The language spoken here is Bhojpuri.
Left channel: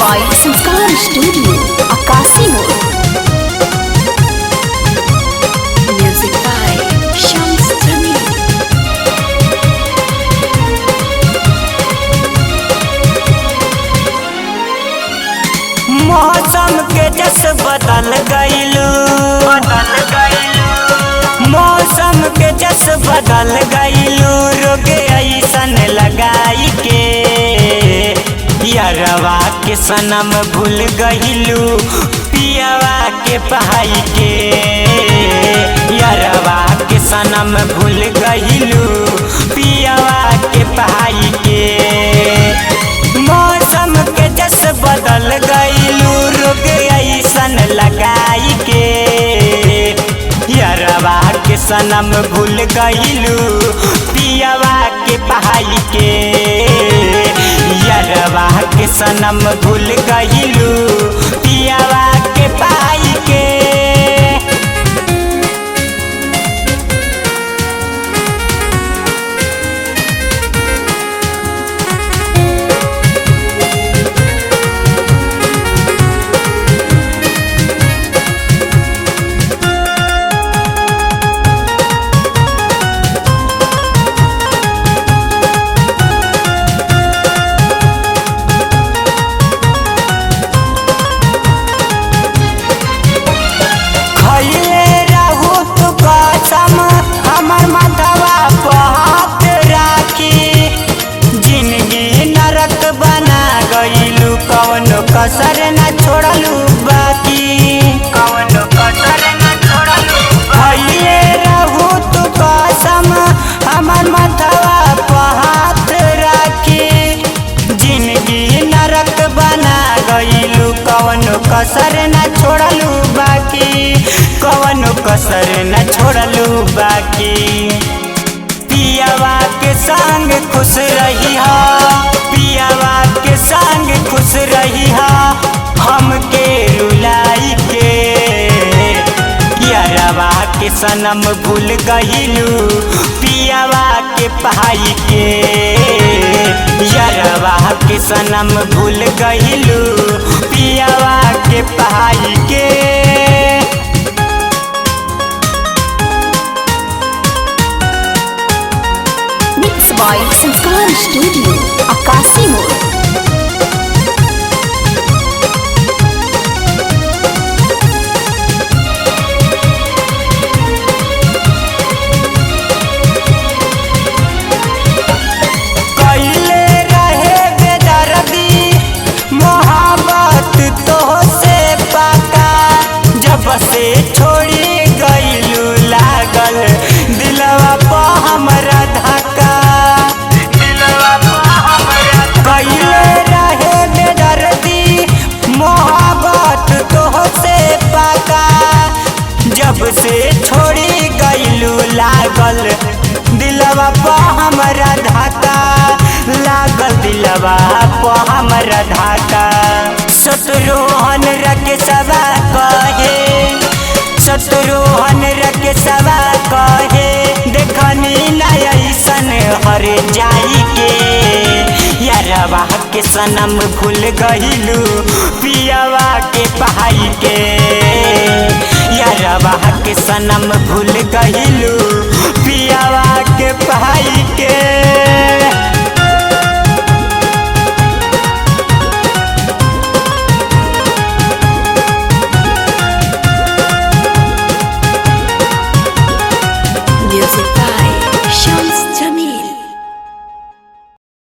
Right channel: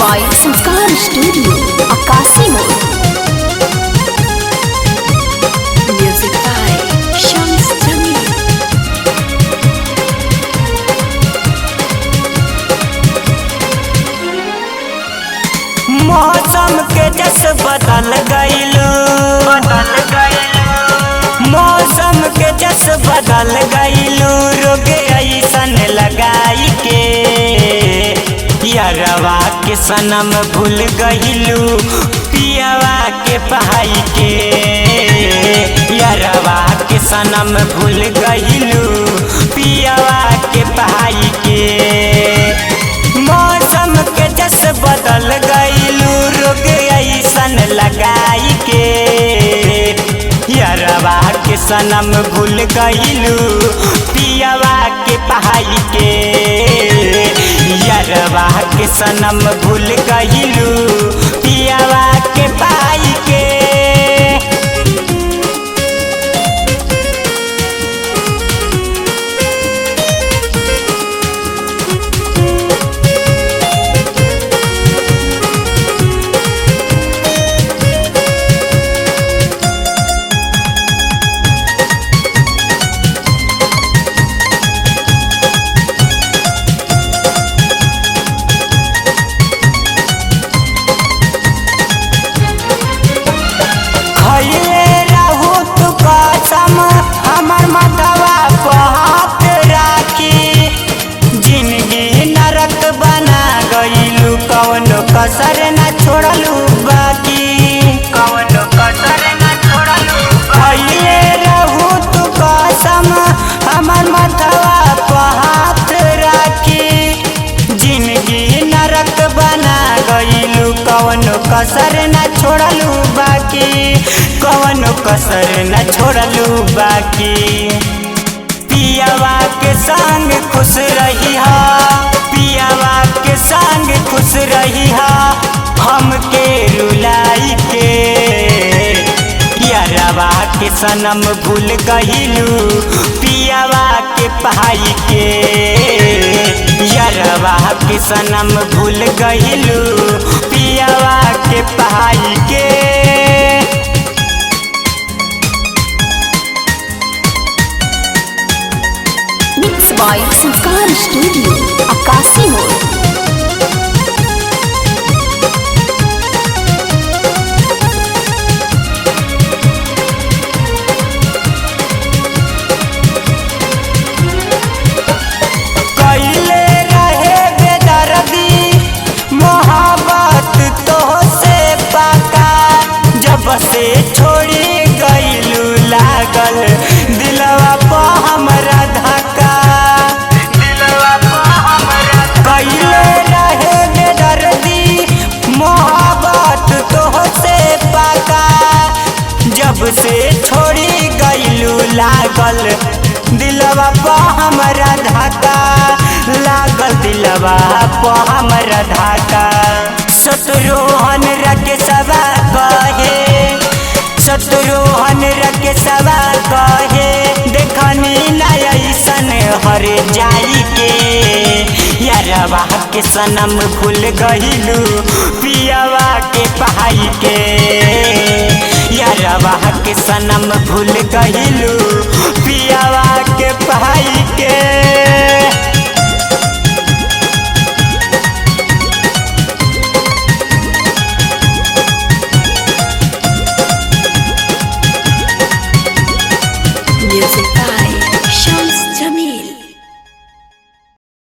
by Sanskar Studio, Akasi Mode. Music by Shams Jamil. मौसम के जस बदल गइलू मौसम के जस बदल गइलू रोगे ऐसन लगाई के यारवा के सनम भूल गइलू पियावा के पहाई के यारवा के सनम भूल गइलू पियावा के पहाई के मौसम के जस बदल गइलू रोग ऐसन लगाई के यारवा के सनम भूल गइलू पियावा के पहाई के यारवा के सनम भूल गइलू पियावा के पहाई के खइले रहू तू कसम हमर माथवा पर हाथ राखी जिंदगी नरक बना गइलू कवनो कसर न छोड़लू बाकी कवनो कसर न छोड़लू खइले रहू तू कसम हमर माथवा पर हाथ राखी जिंदगी नरक बना गइलू कवनो कसर न छोड़लू बाकी कवनो कसर न छोड़लू बाकी पियावा के संग खुश रही पियावा के संग खुश रही हमके रुलाई के यारवा के सनम भूल गइलू पियावा के पहाई के यारवा के सनम भूल गइलू पियावा के पहाई के Mixed by Sanskar Studio, Akasi Mode. कइले रहे बेदर्दी मोहब्बत तो से पाका जब से छोड़ी गइलू लागल दिलवा पर हमरा धक्का दिलवा पर हमरा कइले रहे बेदर्दी मोहब्बत तो से पाका जब से छोड़ी गइलू लागल दिलवा पर हमरा धक्का लागल दिलवा पर हमरा धक्का शत्रुहन रखे सवा कहे शत्रुहन रखे सवा कहे देखनी न ऐसन हर जाई के यारवा के सनम भूल गइलू पियावा के पहाई के यारवा के सनम भूल गइलू पियावा के पहाई के Music by Shams Jamil.